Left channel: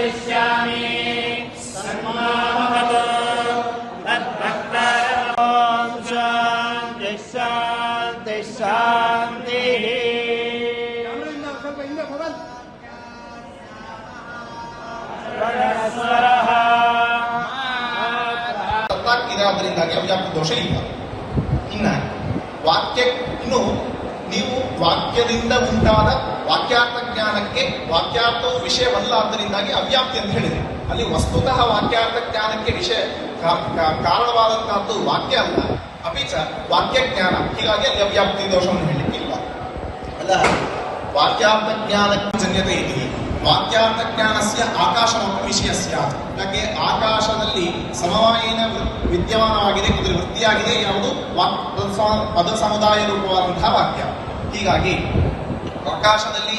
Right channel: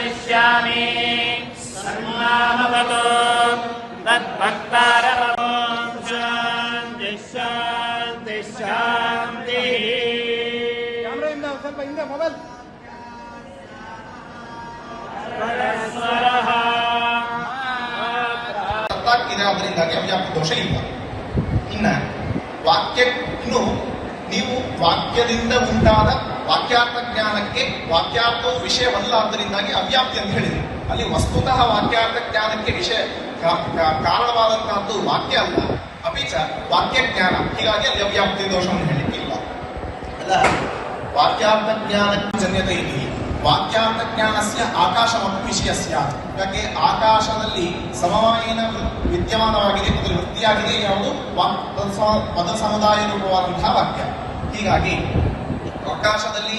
ವದಿಷ್ಯಾಮಿ ಸನ್ಮಾನವತೋ ತದ್ಭಕ್ತಾರಮೋ ಶಾಂತಿ ಶಾಂತಿ ಶಾಂತಿ. ಇರೋದ್ರಿಂದಾಗಿ ಅವ್ಯಾಪ್ತಿ ದೋಷ ಇಲ್ಲ. ಇನ್ನು ನೀವು ವಾಕ್ಯದಿಂದ ಉಂಟಾದ ವಾಕ್ಯಾರ್ಥ ಜ್ಞಾನಕ್ಕೆ ವಾಕ್ಯಾರ್ಥವು ವಿಷಯವಲ್ಲ, ಆದ್ದರಿಂದಾಗಿ ಅವ್ಯಾಪ್ತಿ ಅಂತ ಹೇಳಿದ್ರಿ. ಅಲ್ಲಿ ವಸ್ತುತಃ ವಾಕ್ಯಾರ್ಥ ಜ್ಞಾನಕ್ಕೆ ವಿಷಯ ಕಾರಣವಾದಂತಹದ್ದು ವಾಕ್ಯ ಅಲ್ಲ, ಅಪಿಚ ವಾಕ್ಯ ಜ್ಞಾನ. ಹೀಗಾಗಿ ಅಲ್ಲಿ ಅವ್ಯಾಪ್ತಿ ದೋಷವನ್ನು ಹೇಳಲಿಕ್ಕಿಲ್ಲ. ಅಲ್ಲ, ವಾಕ್ಯಾರ್ಥ ಜ್ಞಾನಕ್ಕೆ ಜನ್ಯತೆ ಇದೆ. ವಾಕ್ಯಾರ್ಥ ಜ್ಞಾನಸ್ಯ ಆಕಾಶಮಪಿ ವಿಷಯಸ್ಯ. ಯಾಕೆ ಆಕಾಶದಲ್ಲಿ ಸಮವಾಯನ ವಿದ್ಯಮಾನವಾಗಿದೆ, ಇದರ ವೃತ್ತಿಯಾಗಿದೆ ಯಾವುದು ಪದ ಸಮುದಾಯ ರೂಪವಾದಂತಹ ವಾಕ್ಯ. ಹೀಗಾಗಿ ಆಕಾಶದಲ್ಲಿ